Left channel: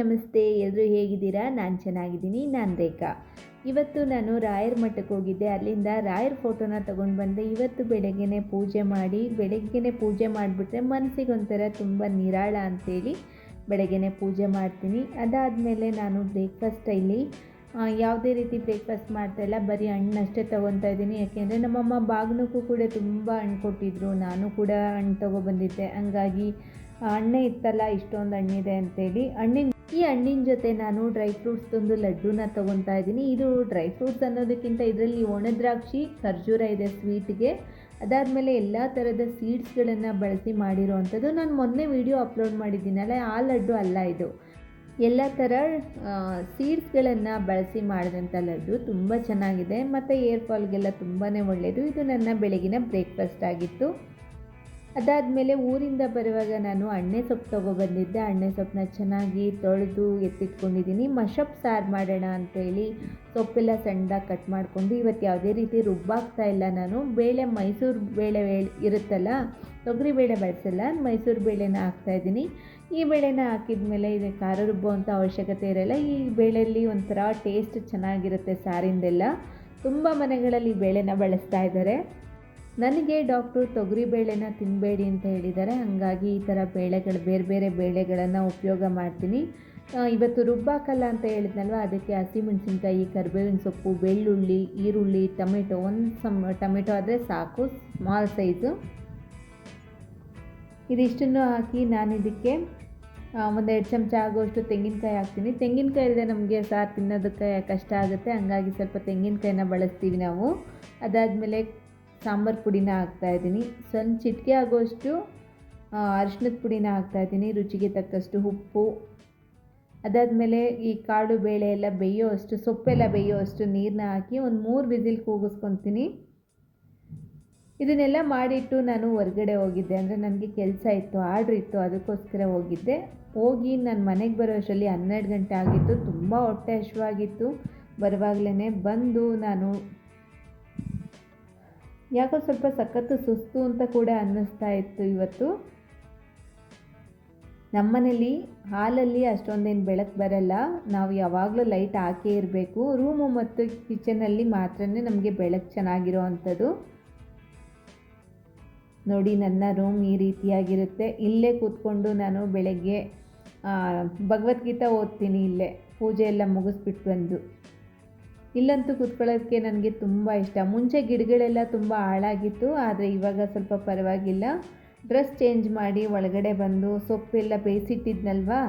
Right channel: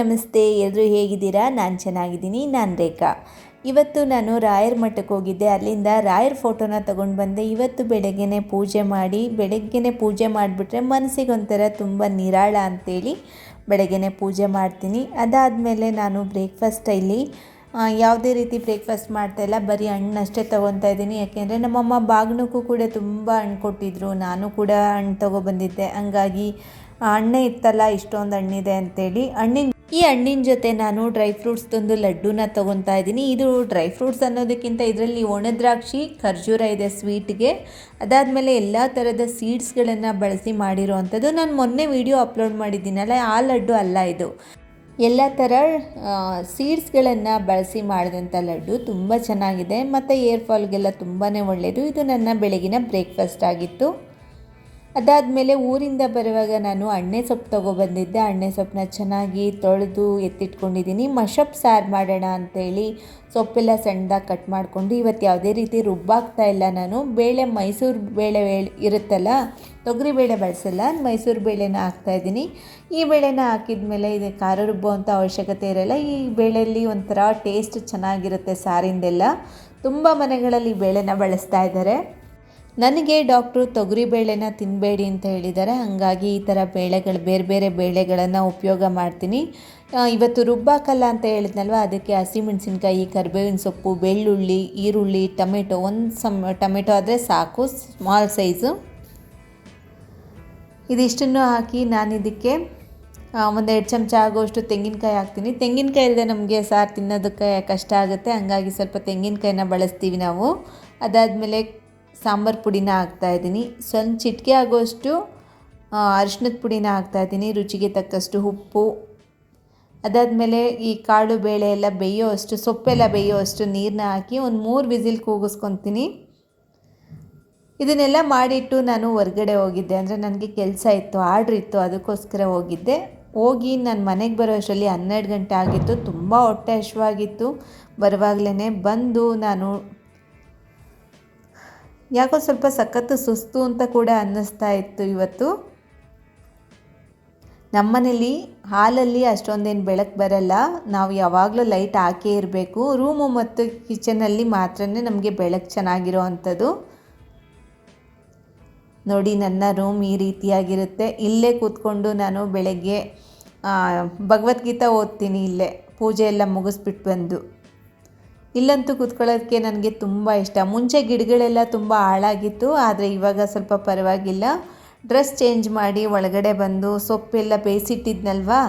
ನಮಸ್ತೆ ಎಲ್ಲರೂ ಹೇಗಿದ್ದೀರಾ? ನಾನು ಚೆನ್ನಾಗಿದ್ದೀನಿ. ನಾನು ರೇಖಾ. ಇವತ್ತು ನಾನು ರಾಯರ್ ಮಠಕ್ಕೆ ಹೋಗಿದ್ದೆ. ಅಲ್ಲಿಂದ ರಾಯರ್ ಫೋಟೋನ ತೊಗೊಂಡು ಬಂದೆ. ಇವತ್ತು ಬೆಳಗ್ಗೆನೆ ಪೂಜೆ ಮಾಡಿ, ಬೆಳಗ್ಗೆನೆ ಪೂಜೆ ಮಾಡಿಬಿಟ್ರೆ ಮನಸ್ಸಿಗೆ ಒಂಥರ ತುಂಬ ನಿರಾಳ ಅಂತೇಳಿ ಬೆಳಗ್ಗೆನೆ ಪೂಜೆ ಮಾಡ್ತೀನಿ. ಅದಾದಮೇಲೆ ನಾನು ಬ್ರೇಕ್ಫಾಸ್ಟ್ ಇಲ್ಲಿ ಯಾವುದೇ ರೀತಿ ಬ್ರೇಕ್ಫಾಸ್ಟ್ ಮಾಡ್ತಾಯಿಲ್ಲ ಬರೀ ಹಣ್ಣಷ್ಟೇ ತೊಗೊತಾ ಇದ್ದೀನಿ. ಯಾಕೆಂದರೆ ನಮ್ಮಮ್ಮ ಬಾಗ್ನಕ್ಕೂ ಕೂಡ ತುಂಬ ಹಣ್ಣು ಕೊಟ್ಟಿದ್ರು. ನಾನು ಕೂಡ ಹಣ್ಣು ತೊಗೊಬಂದಿದ್ದೆ. ಹಂಗಾಗಿ ಹಣ್ಣೇ ಇತ್ತಲ್ಲ, ಇಷ್ಟೊಂದು ಹಣ್ಣಿದೆ ಅಂತೇಳಿ. ಹಣ್ಣಿನ ಈ ಹಣ್ಣಿನ ಜೊತೆ ನಾನು ಡ್ರೈ ಫ್ರೂಟ್ಸ್ ತಂದು ಲಡ್ಡುನ ತೊಗೊತಾ ಇದ್ದೀನಿ. ಇದು ಡ್ರೈ ಫ್ರೂಟ್ಸ್ ಅನ್ನೋದಕ್ಕಿಂತ ಇದರಲ್ಲಿ ಒಣದ್ರಾಕ್ಷಿ ಖರ್ಜೂರ ಇದೆ ಸ್ವೀಟ್ಗೆ. ಅದಾದಮೇಲೆ ಎಲ್ಲ ಥರದ ಸೀಡ್ಸ್ಗಳನ್ನು ಬಳಸಿ ಮಾಡಿರೋ ಅಂಥದ್ದು ನಾನು ಮೊನ್ನೆ ವಿಡಿಯೋ ಅಪ್ಲೋಡ್ ಮಾಡಿದ್ದೀನಲ್ಲ, ಆ ಲಡ್ಡು ಅಲ್ಲ ಇದು. ಎಲ್ಲ ಥರ ಸೀಡ್ಸ್ಗಳನ್ನು ಬಳಸಿ ಮಾಡಿದಂಥ ಲಡ್ಡು ತುಂಬ ಚೆನ್ನಾಗಿದೆ. ಮತ್ತು ಏರ್ ಫಾಲ್ಗೆಲ್ಲ ತುಂಬಾ ಒಳ್ಳೆಯದು ಇದು ನನ್ನ ಬೆಳಗಿನ ಬ್ರೇಕ್ಫಾಸ್ಟ್ ಆಗಿತ್ತು. ಅದಾದಮೇಲೆ ಊರಿಂದ ಬರುವಾಗ ನಾನು ಅಣ್ಣೆ ಸೊಪ್ಪು ತೊಗೊಬಂದಿದ್ದೆ ಅಣ್ಣೆ ಸೊಪ್ಪನ್ನ ಚೆನ್ನಾಗಿ ತೊಳೆದು ಎತ್ತಿಟ್ಕೊಂಡಿದ್ದೀನಿ. ಮಶಪ್ ಸಾರು ಮಾಡೋಣ ಅಂತೇಳಿ ಸೊಪ್ಪೆಲ್ಲ ಸಣ್ಣದಾಗಿ ಕಟ್ ಮಾಡಿಕೊಂಡು ಇವತ್ತು ಯಾವುದೇ ರೀತಿ ರುಬ್ಬಾಗ್ತಾ ಇಲ್ಲ ನಾನು. ಬೇಳೆ ಮೈಸೂರು ಬೇಳೆ ಇರುತ್ತಲ್ಲ, ತೊಗರಿ ಬೇಳೆ ಬಳಸಲ್ಲ, ಮೈಸೂರು ಬೇಳೆನ ಹಾಕ್ತಾಯಿದ್ದೀನಿ ಈ ಬೇಳೆನ ಹಾಕಿದ ಮೇಲೆ ಇದು ಖಾರ ರುಬ್ಬುವಂಥ ಅವಶ್ಯಕತೆ ಇರಲ್ಲ. ಈ ಬೇಳೆಯಲ್ಲಿ ಒಂಥರ ಟೇಸ್ಟ್ ಚೆನ್ನಾಗಿರುತ್ತೆ ಸಾರಿಂದೆಲ್ಲ. ತುಂಬ ಮನೆಗಳಲ್ಲಿ ಬೇಳೆನ ಬಳಸ್ತಾ ಇದ್ದಾರೆ. ನನಗೆ ಡಾಕ್ಟ್ರು ತೊಗರಿ ಬೇಳೆನ ತಿನ್ನಬೇಡಿ ಅಂತ ಹೇಳಿದ್ದಾರೆ. ಹಾಗಾಗಿ ಈ ಥರ ಬೇಳೆಗಳು, ಬೇರೆ ಬೇರೆ ಬೇಳೆಗಳನ್ನು ಉಪಯೋಗ ಮಾಡ್ತೀನಿ. ಇವತ್ತು ರುಬ್ಬಾಕಲ್ಲ ಅಂತ ಹೇಳಿದ್ನಲ್ವ? ಅದಕ್ಕೆ ಹಸಿಮೆಣಸಿನ್ಕಾಯಿ, ಕರಿಬೇವಿನ ಸೊಪ್ಪು, ಬೆಳ್ಳುಳ್ಳಿ, ಈರುಳ್ಳಿ, ಟೊಮೆಟೊ, ಒಂದು ಸಮ್, ಟೊಮೆಟೊ ಆದರೆ ಸಾಕು ಸ್ಮಾಲ್ ಸೈಜು ಇದಿಷ್ಟನ್ನು ಹಾಕಿ ನಾನು ಇದಕ್ಕೆ ಒಂದೆರಡು ಚಮಚ ಆಗೋಷ್ಟು ತೆಂಗಿನಕಾಯಿ ಹಾಕ್ತೀನಿ. ತೆಂಗಿನಕಾಯಿ ಇಲ್ಲದೆ ನಮಗೆ ಸಾರು ತಿನ್ನೋದಕ್ಕೆ ಕಷ್ಟ ಆಗುತ್ತೆ. ಹಂಗಾಗಿ ಸ್ವಲ್ಪ ತೆಂಗಿನಕಾಯಿನ ಬಳಸ್ತೀವಿ ನಾವು. ಅದಾದಮೇಲೆ ಸಾಂಬಾರು ಪುಡಿನ ಹಾಕ್ತಾಯಿದ್ದೀನಿ ಸ್ವಲ್ಪ ಚಿಟಿಕೆ ಆಗೋಷ್ಟು ಅರಿಶಿನದ ಪುಡಿನ ಹಾಕ್ತಾಯಿದ್ದೀನಿ ರುಚಿಗೆ ತಕ್ಕಷ್ಟು ಉಪ್ಪು. ಅದಾದಮೇಲೆ ಈ ಕಾಳು ಬೇಳೆ ಎಲ್ಲ ಬೇಯೋ ಅಷ್ಟು ಸೊಪ್ಪೆಲ್ಲ ಬೇಯೋ ಅಷ್ಟು ನೀರನ್ನ ಹಾಕಿ ಒಂದು ಮೂರು ವಿಸಿಲ್ ಕೂಗಿಸ್ಕೊತೀನಿ. ಇದನ್ನೆಲ್ಲ ಮಾಡಿಟ್ಟು ನಾನು ಹೊರಗಡೆ ಹೋಗಿದ್ದೆ. ಅಂದರೆ ನನಗೆ ಕೆಲಸ ಇತ್ತು, ಆರ್ಡ್ರ್ ಇತ್ತು, ಅದಕ್ಕೋಸ್ಕರ ಹೋಗಿದ್ದೆ. ಹೋಗಿ ನಾನು ಮನೆಗೆ ಬರೋ ಅಷ್ಟರಲ್ಲಿ ಹನ್ನೆರಡು ಗಂಟೆ ಆಗಿತ್ತು. ತುಂಬ ಹೊಟ್ಟೆ ಹಶ್ವಾಗಿತ್ತು ಬರುವಾಗಲೇ ಬಂದು ನಾನು ಯಾಕೋ ಸ್ವಲ್ಪ ಸಖತ್ತು ಸುಸ್ತು ಅಂತ ಕೂಡ ಅನ್ನಿಸ್ತಾ ಇತ್ತು ಇವತ್ತು. ನಮ್ಮನೇಲಿ ಹಾಲಲ್ಲಿ ಅಷ್ಟೊಂದೇನು ಬೆಳಕು ಬರಲ್ಲ. ನಾವು ಯಾವಾಗಲೂ ಲೈಟ್ ಹಾಕೇ ಇರಬೇಕು. ರೂಮು ಮತ್ತು ಕಿಚನಲ್ಲಿ ಮಾತ್ರ ನಮಗೆ ಬೆಳಕು ಚೆನ್ನಾಗಿರೋ ಅಂಥದ್ದು. ನೋಡಿ, ನನ್ನ ರೂಮ್ ಈ ರೀತಿಯಾಗಿರುತ್ತೆ. ಇಲ್ಲೇ ಕೂತ್ಕೊಂಡು ನಾನು ಬೆಳಗ್ಗೆ ಭಗವದ್ಗೀತಾ ಓದ್ತೀನಿ ಇಲ್ಲೇ. ಪೂಜೆ ಎಲ್ಲ ಮುಗಿಸ್ಬಿಟ್ಟು ಬಂದು. ಇಲ್ಲಂತೂ ಕೂತ್ಕೊಳ್ಳೋದಕ್ಕೆ ನನಗೆ ತುಂಬ ಇಷ್ಟ. ಮುಂಚೆ ಗಿಡಗಳೆಲ್ಲ ತುಂಬ ಹಾಳಾಗಿತ್ತು, ಆದರೆ ಇವಾಗ ಸ್ವಲ್ಪ ಪರವಾಗಿಲ್ಲ. ಡ್ರೆಸ್ ಚೇಂಜ್ ಮಾಡಿ ಒಳಗಡೆ ಬಂದು ಸೊಪ್ಪೆಲ್ಲ ಬೇಯಿಸಿಟ್ಟಿದ್ನಲ್ವಾ?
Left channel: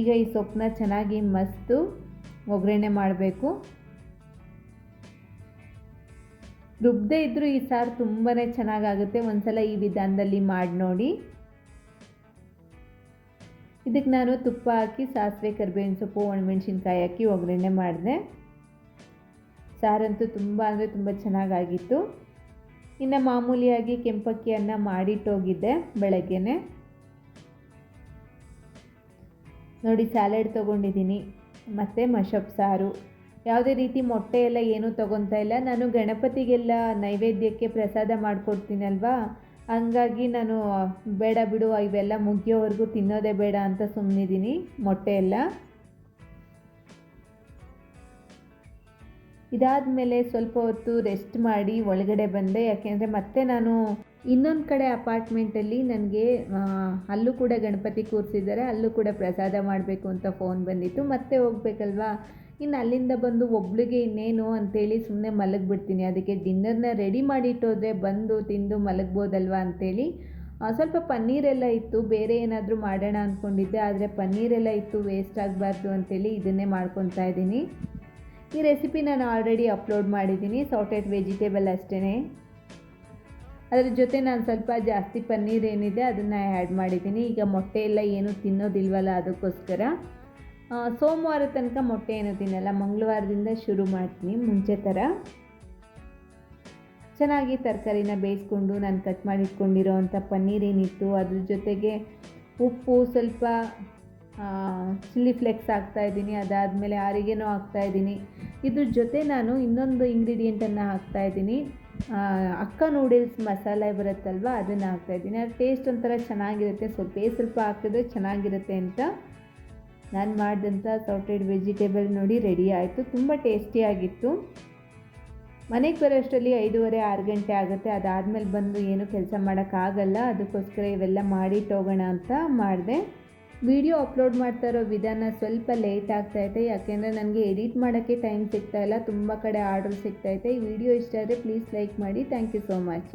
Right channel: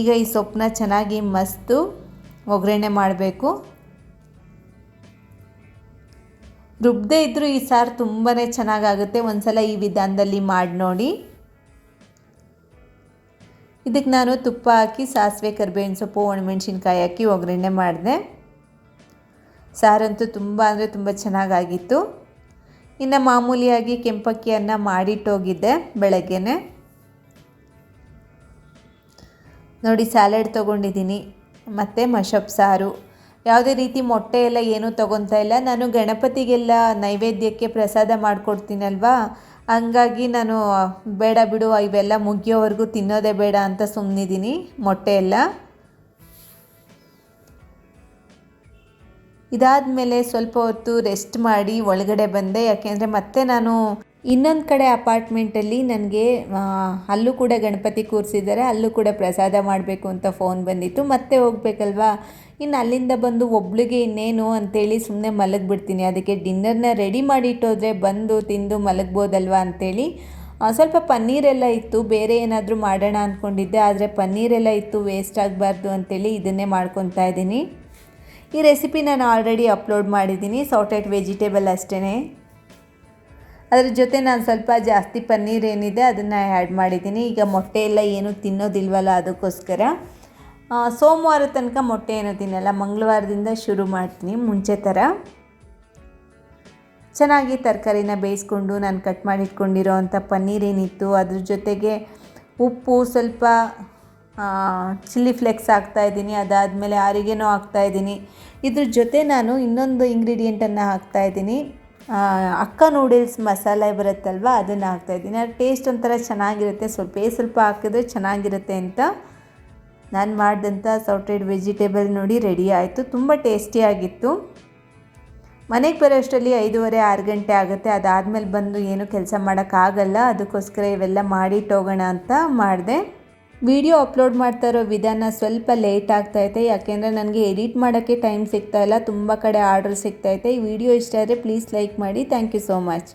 ಈಗ ಈ ಸೊಪ್ಪನ್ನ ಚೆನ್ನಾಗಿ ಮಸ್ತು ಒಗ್ಗರಣೆ ಮಾಡಬೇಕು. ರುಬ್ಬದೇ ಇದ್ದರೂ ಈ ಸಾರು ತುಂಬಾ ಚೆನ್ನಾಗಾಗುತ್ತೆ. ಒಂದ್ಸಲ ಈ ವಿಧಾನದಲ್ಲಿ ಮಾಡಿ ನೋಡಿ. ಇದಕ್ಕೆ ನಾನು ತುಪ್ಪ ಹಾಕಿ, ಸಾಸಿವೆ, ಕರಿಬೇವಿನ ಸೊಪ್ಪು, ಒಣಮೆಣ್ಸಿನ್ಕಾಯಿ ಹಾಕಿ ಒಗ್ಗರಣೆ ಮಾಡಿದೆ. ಸಾರಂತೂ ತುಂಬ ಅಂದರೆ ತುಂಬ ಚೆನ್ನಾಗಾಗಿತ್ತು. ಇನ್ನು ಮಾಮೂಲಿಯಾಗಿ ಕೆಂಪಕ್ಕಿಯನ್ನು ಮಾಡಿಟ್ಟೋಗಿದ್ದೆ ಬೆಳಗ್ಗೆನೆ. ನೋಡಿ ಸ್ಯಾಲೆಡ್ ತೊಗೊಂಡಿದ್ದೀನಿ, ಮತ್ತು ಮಶಪ್ ಸಾರು. ಯಾವುದೇ ರೀತಿ ಮೊಟ್ಟೆ ಎಲ್ಲ ಏನೂ ತೊಗೊತಾ ಇಲ್ಲ. ನಾನು ಗಣಪತಿಗೆಲ್ಲ ನೈವೇದ್ಯಕ್ಕೆ ಪ್ರಸಾದ ಮಾಡಿಕೊಡ್ತೀನಲ್ವಾ? ಹಂಗಾಗಿ ನಾನು, ಬೇಡ ಬಿಡು, ಇವೆಲ್ಲ ಮುಗಿಯೋವರೆಗೂ ತಿನ್ನೋದೇ ಬೇಡ ಅಂತ ಸುಮ್ಮನಿದ್ದೀನಿ ಮೊಟ್ಟೆ ಎಲ್ಲ. ಇದಾದಮೇಲೆ ಸ್ವಲ್ಪ ಹೊತ್ತು ರೆಸ್ಟ್ ಮಾಡಿ ಒಳಗಡೆ ಬಂದೆ. ಯಾಕೆಂದರೆ ಮತ್ತೆ ನಾನು ಇನ್ನೊಂದು ಕಡೆ ಅಪಾರ್ಟ್ಮೆಂಟಲ್ಲಿ ನನಗೆ ಅಲ್ಲೂ ಕೂಡ ಗಣಪತಿ ಕೂರಿಸಿದ್ದಾರೆ. ಅಲ್ಲೂ ಕೂಡ ಪ್ರಸಾದ ಮಾಡಬೇಕು ಅಂತ ಫೋನ್ ಬಂದಿತ್ತು. ಮತ್ತೆ ಹೋಗ್ಬೇಕಲ್ವಾ? ಇನ್ನು ಅಲ್ಲಿಂದ ಬಂದು ಒಬ್ಳಿಗೆ ಇನ್ನೇನು ಅಂತೇಳಿ ಸುಮ್ಮನೆ ಮಲಗಿಬಿಡ್ತೀನಿ. ಅದಕ್ಕೆ ಡಿನ್ನರ್ನ ರೆಡಿ ಮಾಡಿಟ್ಟೋದ್ರೆ ಬಂದು ತಿಂದು ಮಲಗ್ಬೋದಲ್ವಾ ಅಂತೇಳಿ. ಆ, ಸ್ವಲ್ಪ ಪನ್ನೀರೆಲ್ಲ ಇತ್ತು. ಬೇರೆ ಏನಾದರೂ ಮಾಡೋಣ ಅಂದ್ಕೊಂಡಿದ್ದೆ ಆದರೆ ಪನ್ನೀರೆಲ್ಲ ಇತ್ತು ವೇಸ್ಟ್ ಆಗಬಾರ್ದು ಅಂತೇಳಿ ಇದನ್ನೇ ಮಾಡ್ಕೊತಾ ಇದ್ದೀನಿ. ಈ ರೆಸಿಪಿ ನಾನು ಆಲ್ರೆಡಿ ಅಪ್ಲೋಡ್ ಮಾಡಿದ್ದೀನಿ ಸಾಟೆಡ್ ವೆಜಿಟೇಬಲ್ ಅಷ್ಟೇ ಅದ್ರ ಜೊತೆ ನಾನು ಸ್ವಲ್ಪ ಜಾಸ್ತಿ ಪನ್ನೀರ್ ಏನಿದೆ ಅದನ್ನು ಆ್ಯಡ್ ಮಾಡಿದ್ದೀನಿ. ಈಗ ಮೊಟ್ಟೆ ಎಲ್ಲ ಏನು ತಿನ್ನೋದಿಲ್ವಲ್ಲ ಅದಕ್ಕೋಸ್ಕರ. ಸೋಮವಾರ ತನಕ ಮೊಟ್ಟೆ ಏನು ತಿನ್ನಲ್ಲ, ಮಂಗಳವಾರದಿಂದ ಶುರು ಮಾಡ್ತೀನಿ ಮುಂಚೆ ಥರ. ಚೆನ್ನಾಗಿ ತರಕಾರಿನ ಬೇಯಿಸ್ಕೊಂಡು ನಾನು ಕಟ್ ಮಾಡಿಟ್ಕೊಂಡಿರೋ ಅಂಥ ಪನ್ನೀರ್ ಏನಿತ್ತು, ಅದ್ರ ಜೊತೆಗೆ ಉಪ್ಪು ಸ್ವಲ್ಪ ಚಿಲ್ಲಿ ಫ್ಲೆಕ್ಸ್ ಹಾಕ್ತಾಯಿದ್ದೀನಿ ಅದಾದಮೇಲೆ ಆರಿಗೆನೋ ಹಾಕ್ತಾಯಿದ್ದೀನಿ ಇದ್ರ ಜೊತೆ ನಾನು ಇನ್ನೊಂದು ಇಂಗ್ರೀಡಿಯೆಂಟನ್ನು ಹಾಕ್ತಾಯಿದ್ದೀನಿ ಅಕ್ಕ ನೂಡಲ್ಸ್ ಮಸಾಲೆ ಬರುತ್ತಲ್ವ, ಅದನ್ನು ಹಾಕ್ತಾಯಿದ್ದೀನಿ ಅದು ಟೇಸ್ಟ್ ಒಂಥರ ಚೆನ್ನಾಗಿರುತ್ತೆ, ಸ್ವಲ್ಪ ಸ್ವಲ್ಪ ಹಾಕಿದ್ರೆ ಚೆನ್ನಾಗಿರುತ್ತೆ ಅಂತ. ನಾನು ಮಾಡಿದಂಥ ಸೌಟೆಡ್ ವೆಜಿಟೇಬಲ್ ನೋಡಿ ರೆಡಿ ಆಯಿತು, ತುಂಬ ಟೇಸ್ಟಿಯಾಗಿತ್ತು ಮನೆಗೆ ಬರೋ ಅಷ್ಟರಲ್ಲಿ ಐದೂವರೆ, ಆರು ಗಂಟೆ ಆಗುತ್ತೆ. ಅದಾದಮೇಲೆ ಬಂದು ಏನು ಕೆಲಸ ಮಾಡೋಕ್ಕಾಗಲ್ಲ ಅದಕ್ಕೋಸ್ಕರ ಇವೆಲ್ಲ ಮಾಡಿಟ್ಟೋಗೋಣ ಅಂತ ಮಾಡಿದೆ. ವಿಡಿಯೋ ಅಪ್ಲೋಡ್ ಮಾಡ್ತಾ ಇರೋ ವಿಧಾನ ಸ್ವಲ್ಪ ಲೇಟ್ ಆಗ್ತಾ ಇದೆ. ಯಾಕೆಂದರೆ ನನಗೆ ಎಡಿಟ್ ಮಾಡೋಕ್ಕೆ ಟೈಮ್ ಸಿಗ್ತಾಯಿಲ್ಲ ತುಂಬ ಕಡೆ ಆರ್ಡರ್ ಇದೆ. ಈ ವಿಡಿಯೋ ಇಷ್ಟ ಆದರೆ ಪ್ಲೀಸ್ ಲೈಕ್ ಮಾಡಿ. Thank you so much.